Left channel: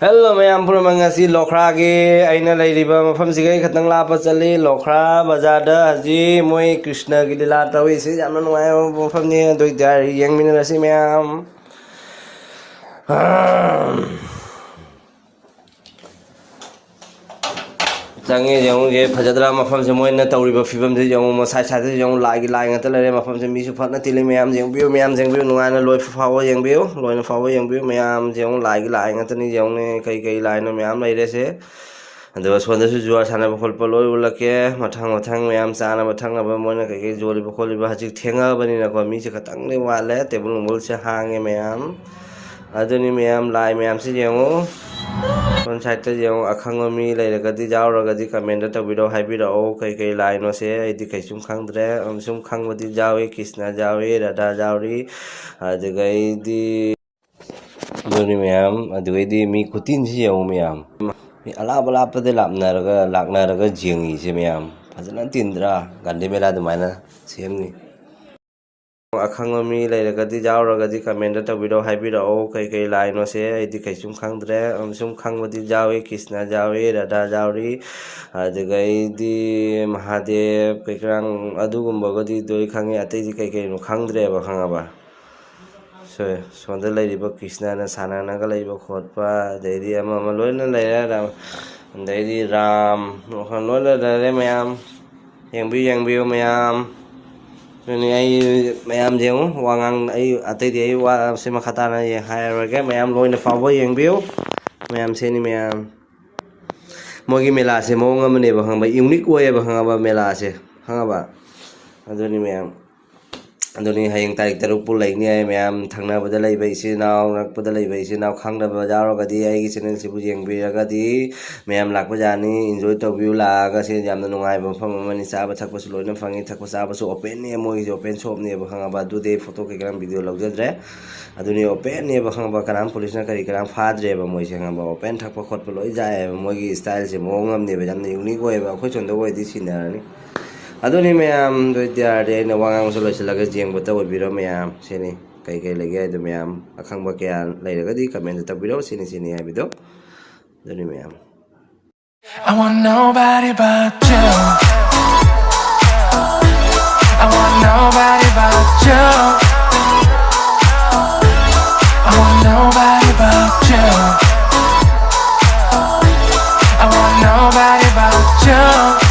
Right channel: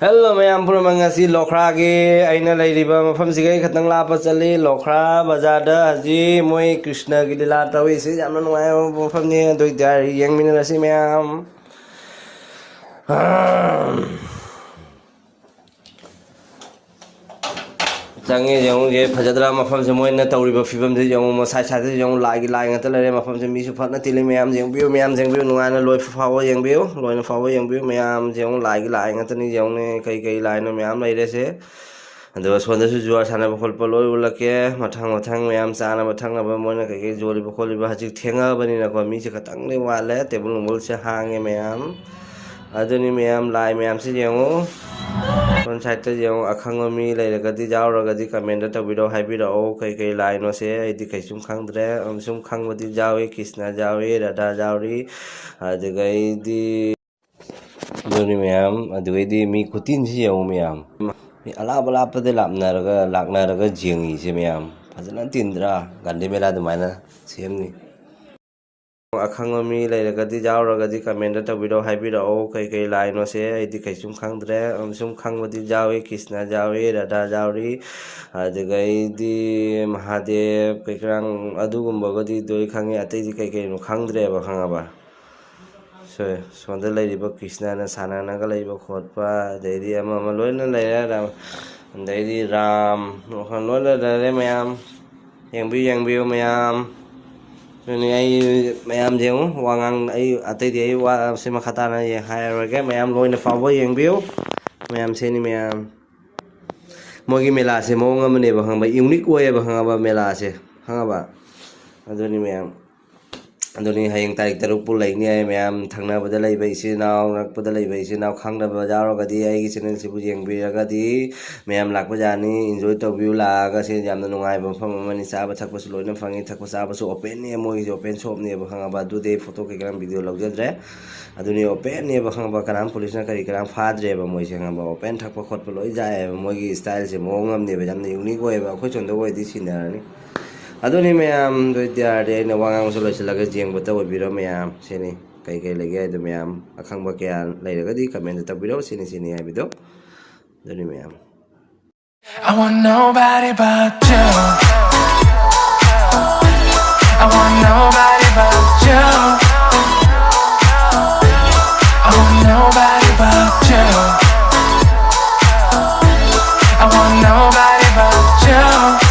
Hello, mayam pura mangasi Lokhra ge aina lai riba mafam sigai khatang la pa chali Lokhra bazar da haji moi Krishna gi dila tawi si jamna nuai mafam ni doi dar yang min rasi mayam Jangi yang ge phajadra mafam se moi na tawri ba fibam se yang mo sai sai se yang lai gi lai ngata le mafam se mi su phat na tili mayam jeng biu nuai na loi fawo yang biu loi na fawo yang biu mayam jeng lai gi lai ngata ni yang ne kai lai na mayam lai re se ando sonda su juar sana ba khol polo ulake mathang mayam sana mathang na ba moi na kai joli ba kholi ba haji thenga bani na ko mi se khatang le wale tebul mul se hange mayam aduni mayam lai mayam se jeng kon site te jeng akhang mi lai ga di jaw ra ga di comment ta video hai bi ro kai lai no se di kai sum khang dre sum khang ba di jawe Krishna jawe radha jawri adugai di aduni mayam adugai di mi khutinse jeng mayam alaba pa de lakna raga jingi se mayam fazana tindra gande mela du maina semni akhang mi lai raga di jaw raga di comment ta video hai bi ro kai lai no se di kai sum khang dre sum khang ba di jawe Krishna jawe radha jawri adugai di mahadev kai krang adugumba ga di doi khangi ate di kai no khang dre ba khanga ba sonda lai ba Krishna na sana na ga lai ba khotpa dai ama loi na lai ra dai ram no khan loi na le mayam yang biu mayam ni ai mayam jeng wangang ai ate di ai wa se ma khata na ye hai ra ge mayam loi na fa bo yang biu mayam se ni mayam mogi mela se mo ngam ne ba hang ba unique way ba hang ba mela se hang ba adoni mayam adoni hayang tarik taruk pul lai ni ai mayam thangna ba lai ba isi naw ngak pa lai ba isi naw khang na ba jaro ga di ai gi channel se bu jeng bi ga di mayam lak ba jani enjoy to view la ga se jam na nungai ba pham ma ni sa ba thak ba su loi na phangi thak ba sa ba su open ni mo gi open shop ni ba hang ba du de photo ke gram video log dre aduni open ni ba hang ba karam police na kari karam fa dre ba moi se hang ba open thak ba khot ba loi ja mo gi style se mo ngam ni ba jam ni unique way ba khoi chon do way di sinar ni aduni mayam do dia de na wangang so le laga jeng bota wo biro mayam sini kai lagi adu mayam akhang ba kya lai laga di comment ta biro sini ai bido aduni mayam I want nobody but you. I want nobody but you. I want nobody but you. I want nobody but you.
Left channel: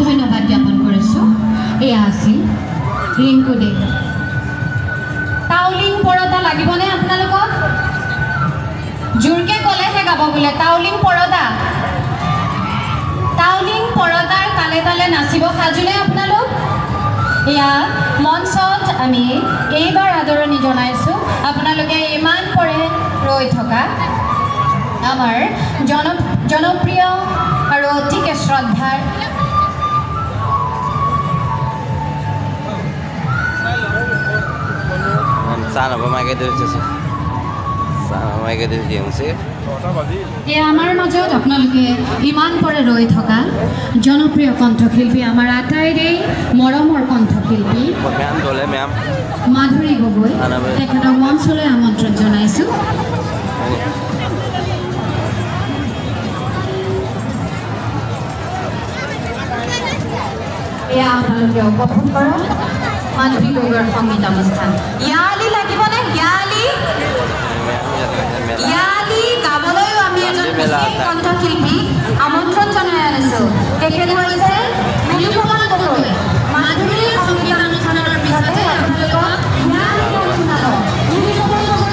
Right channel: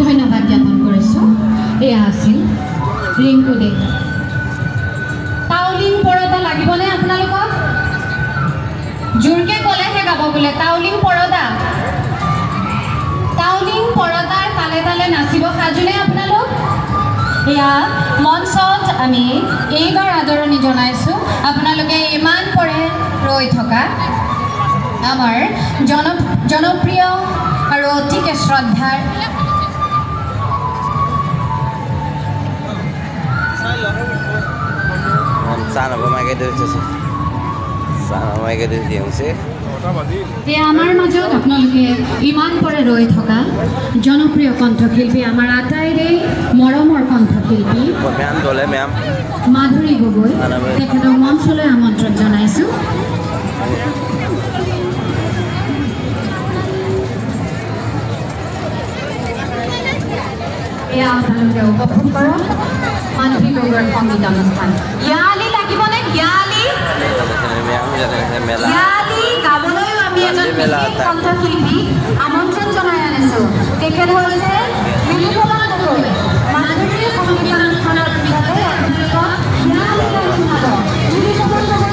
ধন্যবাদ জ্ঞাপন কৰিছোঁ এয়া আছিল ৰিংকু দে তাউলিং পৰদা লাগিবনে আপোনালোকক জোৰকে ক'লেহে গাব বোলে তাউলিং পৰদা পৰদাৰ তালে তালে নাচিব সাজুনে আপোনালোক এয়া মঞ্চত আমি এইবাৰ আদৰণি জনাইছোঁ আপোনালোকে ইমান পৰে ৰৈ থকা আমাৰ জনপ্ৰিয় আৰু অতিকে শ্ৰদ্ধাৰ আমাৰ মাজত আপোনালোকে ইমান পৰে ৰৈ থকা জনপ্ৰিয় কণ্ঠশিল্পী আমাৰ আটাইৰে মৰমৰ কণ্ঠশিল্পী মাধুৰী গগৈ তেখেতক মঞ্চলৈ আমন্ত্ৰণ জনাইছোঁ এয়া আপোনালোকে উপভোগ কৰক মাধুৰী গগৈৰ সংগীত অনুষ্ঠান ইয়ালি লাগিবনে ইয়ালি গাবলৈও আমি এজন কণ্ঠশিল্পী আমন্ত্ৰণ জনাই আনিছোঁ তেখেত হৈছে নীলকমল গগৈ মাধুৰী সংগীত অনুষ্ঠানৰ পিছতে আপোনালোকক Nilkamal Gogoi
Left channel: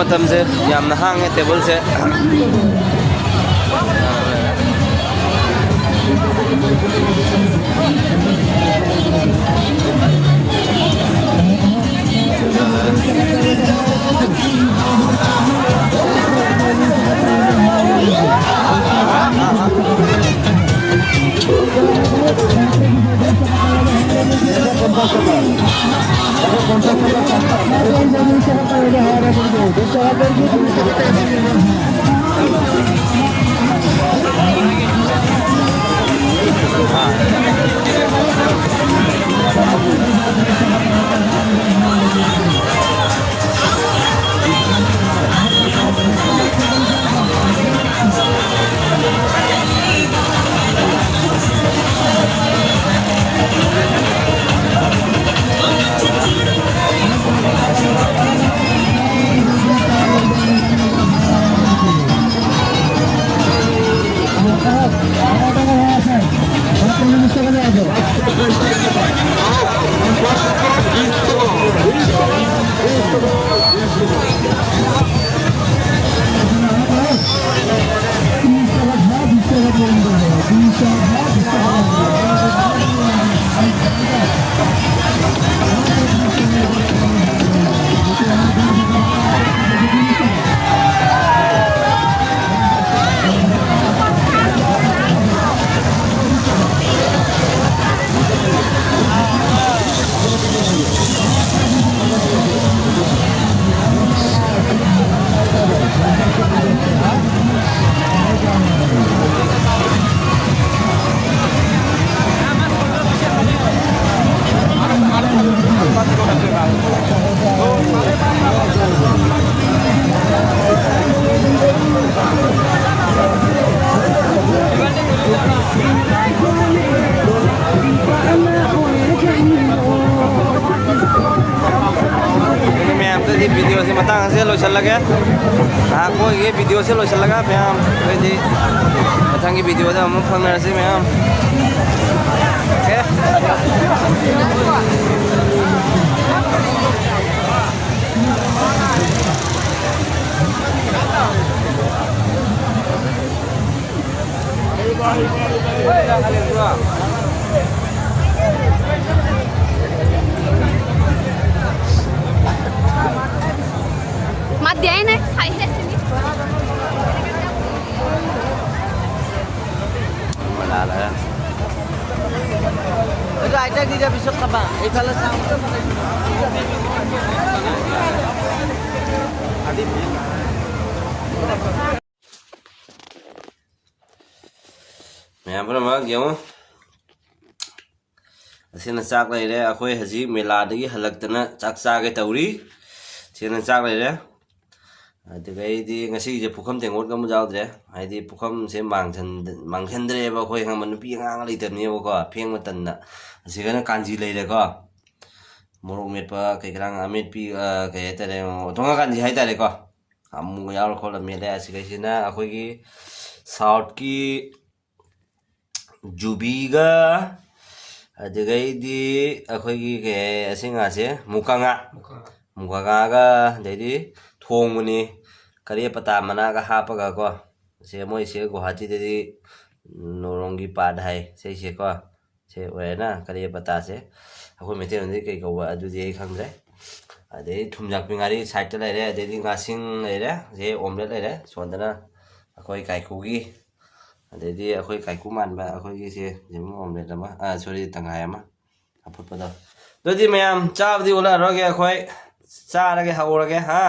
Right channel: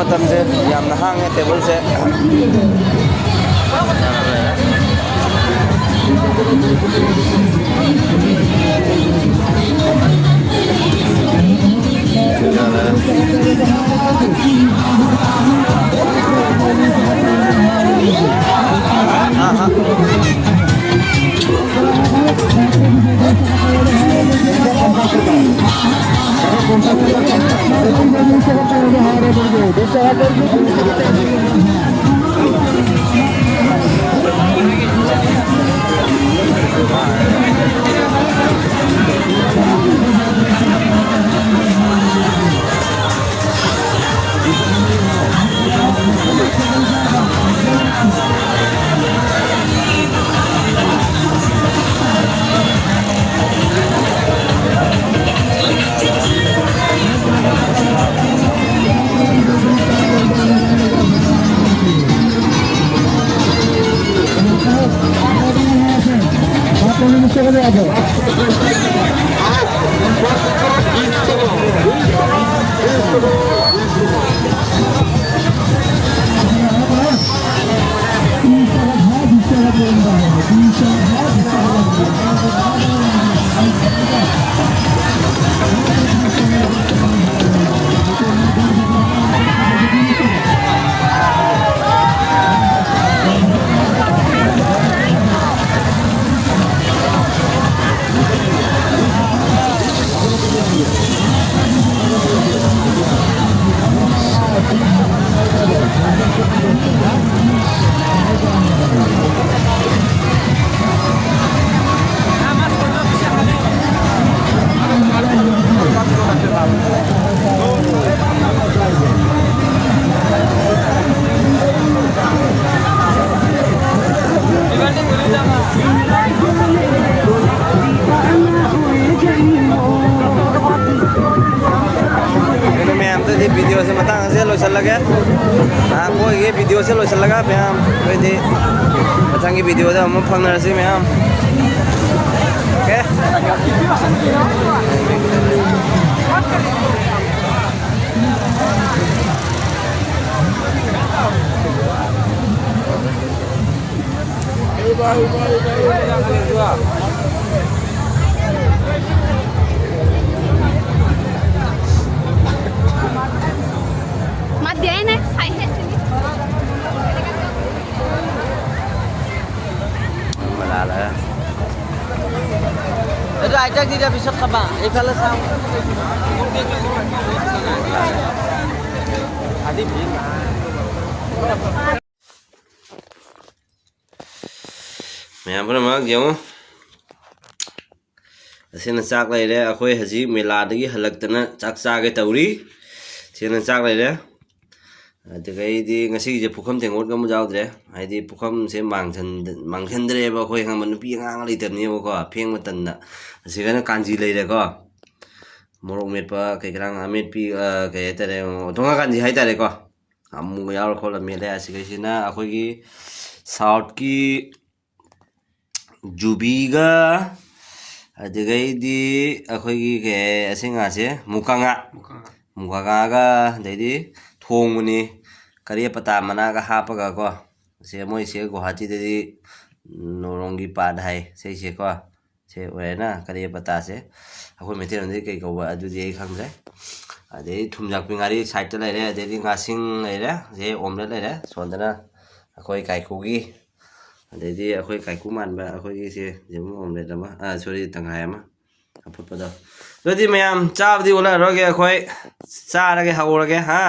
matamse yamna hange table se video se matang se lo chal laga ko ye video se lo chal laga ma'am कोई दे matang की video da हम phang na se ma'am Aja tidak bisa kaba. Ifala sang. मैं पर मग जाऊं असेन चाक लेरे अखोय हजी मेलादगी हलक्तना चाक चागे तौरी सेन चाक लेरे अदगैदी ngasi je pukham tengot gam jaudre haidi pukham se mangthendre ba khoi hang man pi ngang le tan ni ko pheng ma tan na sigana kanji leire ko morok met pa kai krang amit pi kai tare tonga kanji hai tare ko amu yaur khol mele asigai sina akhoi gi south ki ꯖꯨꯕꯤꯒ ꯑꯗꯨꯗꯒꯩꯗꯤ ꯑꯩꯈꯣꯏꯒꯤ ꯀꯩ ꯑꯁꯤ ꯉꯥꯁꯦ ꯃꯨꯀꯥꯉꯥꯒ ꯑꯗꯩꯗꯤ ꯊꯣꯡꯕꯅꯤ ꯀꯔꯤ ꯄꯇꯥ ꯃꯅꯥꯒ ꯍꯥꯞꯄꯒ ꯀꯣ ꯁꯦ ꯃꯣꯏꯁꯦ ꯒꯨꯋꯥꯍꯥꯇꯤꯗꯗꯤ ꯅꯣꯔꯣꯡꯒꯤ ꯄꯥꯠ ꯍꯥꯏ ꯁꯤꯁꯦ ꯀꯣ ꯁꯦ ꯑꯣꯏꯔꯦꯅ ꯀꯔꯤ ꯄꯇꯥꯁꯦ ꯑꯩꯈꯣꯏ ꯃꯩꯇꯩꯂꯣꯟꯗꯗꯤ ꯀꯩ ꯀꯧꯕ ꯑꯗꯨꯗꯤ ꯑꯩ ꯈꯪꯗ꯭ꯔꯦ ꯑꯗꯩ ꯊꯨꯝꯌꯥꯛꯄꯤ ꯉꯥꯔꯤ ꯁꯥꯏꯗꯇ ꯂꯩꯔꯦ ꯑꯗꯩꯗꯤ ꯉꯥꯁꯤꯡ ꯂꯩꯔꯦ ꯁꯦ ꯑꯣꯝꯂꯦꯠ ꯂꯩꯔꯦ ꯁꯣꯝꯗꯅ ꯑꯩꯈꯣꯏ ꯀꯥꯏꯀꯨꯒꯤ ꯑꯗꯩꯗꯤ ꯑꯩꯈꯣꯏ ꯀꯥꯏꯀꯨ ꯃꯥꯟꯕ ꯑꯩꯈꯣꯏꯒꯤꯁꯦ ꯌꯦꯔꯨꯝ ꯑꯣꯝꯂꯦꯠ ꯑꯃ ꯁꯣꯔꯤ ꯇꯪꯈꯥꯏ ꯑꯃ ꯑꯐꯨꯠꯄꯗꯣ ꯑꯗꯨꯗꯤ ꯃꯌꯥꯝ ꯆꯥꯕꯗꯤ ꯎꯠꯂꯛꯑꯔꯣꯏꯒꯦ ꯑꯩꯈꯣꯏ ꯆꯥꯔꯒꯦ ꯍꯧꯔꯒꯦ ꯍꯥ